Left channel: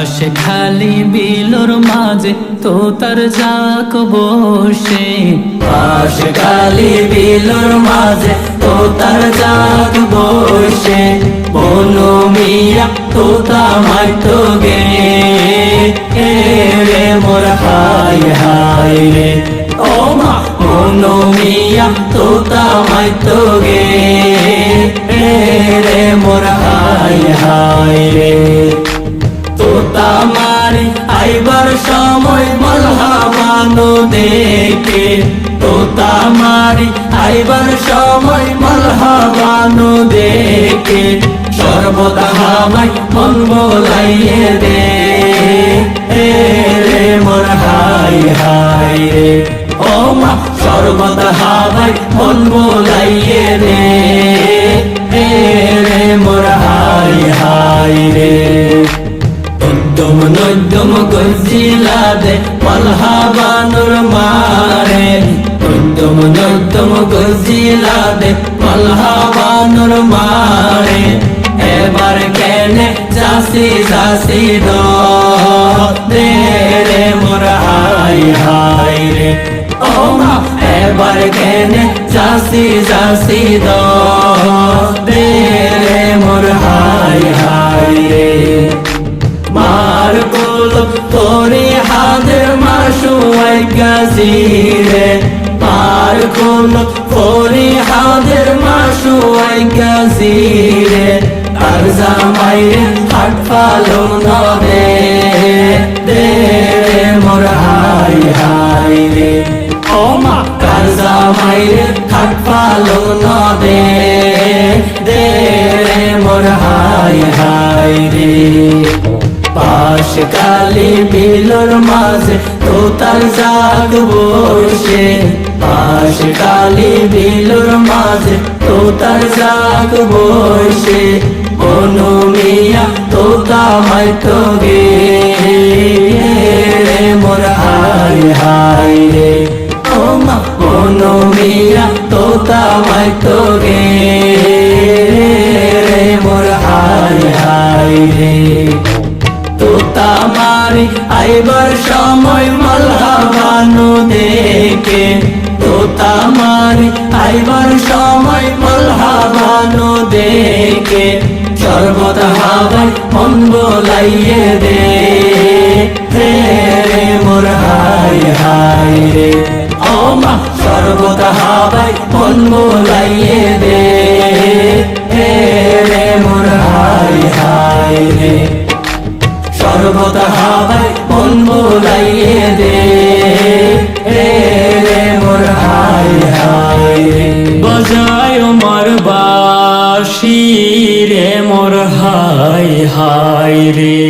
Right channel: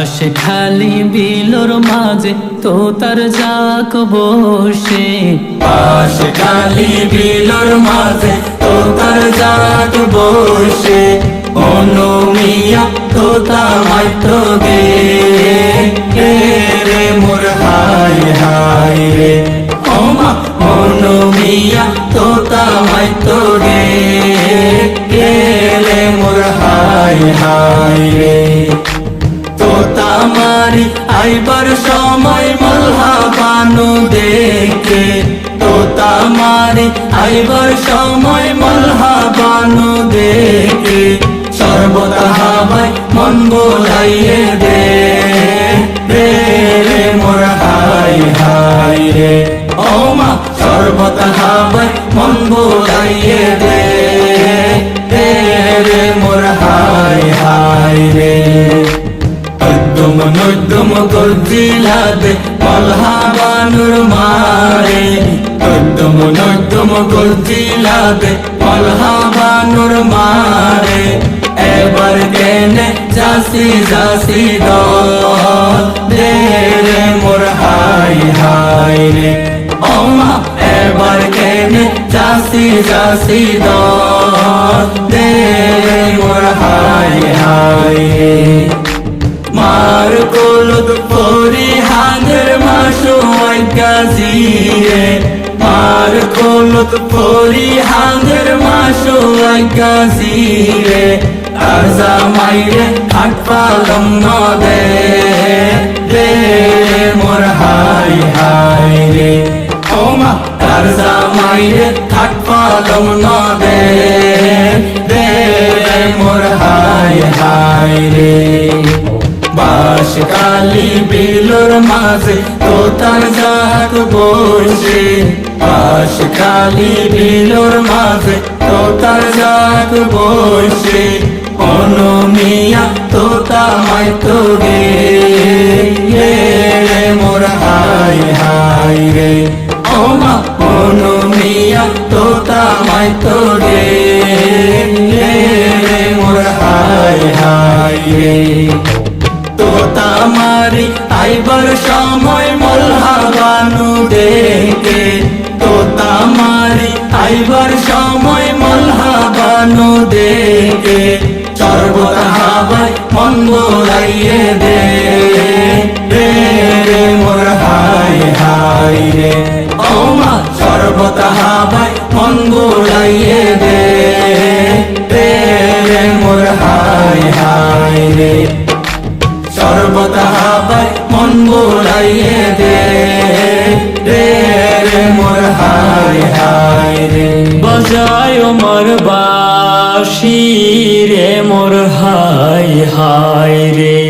পাশে খালি বিলোর মাঝে তোতার জাক বসে, পাশে খালি বিলোর মাঝে তোতার জাক বসে, বনু মিয়া তোতা মাইতো গে রে মোর হায় হায় রে, ও মা বনু মিয়া তোতা মাইতো গে রে মোর হায় হায় রে। তোতা মারি আইবার সময় মলহা বানো দেখে, তোতা মারি আইবার সময় মলহা বানো দেখে, শরবত হাওয়ায় মন বোলাইয়ে দে রে মোর হায় হায় রে, ও মা শরবত হাওয়ায় মন বোলাইয়ে দে রে মোর হায় হায় রে। নদ্দুম নদ্দুম গর্জিলা দে মলহা বানুর মারে, নদ্দুম নদ্দুম গর্জিলা দে মলহা বানুর মারে, এবার কেনে যাসি যাসি দে রে মোর হায় হায় রে, ও মা এবার কেনে যাসি যাসি দে রে মোর হায় হায় রে। মার কুল পরে হাদের মাসুয়াই গাজিরে, মার কুল পরে হাদের মাসুয়াই গাজিরে, আর জামাইরে খাট পালন দে মোর হায় হায় রে, ও মা তার জামাইরে খাট পালন দে মোর হায় হায় রে। পাশে খালি বিলোর মাঝে তোতার জাক বসে, পাশে খালি বিলোর মাঝে তোতার জাক বসে, বনু মিয়া তোতা মাইতো গে রে মোর হায় হায় রে, ও মা বনু মিয়া তোতা মাইতো গে রে মোর হায় হায় রে। তোতা মারি আইবার সময় মলহা বানু দেখে, তোতা মারি আইবার সময় মলহা বানু দেখে, শরবত হাওয়ায় মন বোলাইয়ে দে রে মোর হায় হায় রে, ও মা শরবত হাওয়ায় মন বোলাইয়ে দে রে মোর হায় হায় রে, শরবত হাওয়ায় মন বোলাইয়ে দে রে মোর হায় হায় রে। বাজায় মোর বাঁশি রে মোর হায় হায় রে।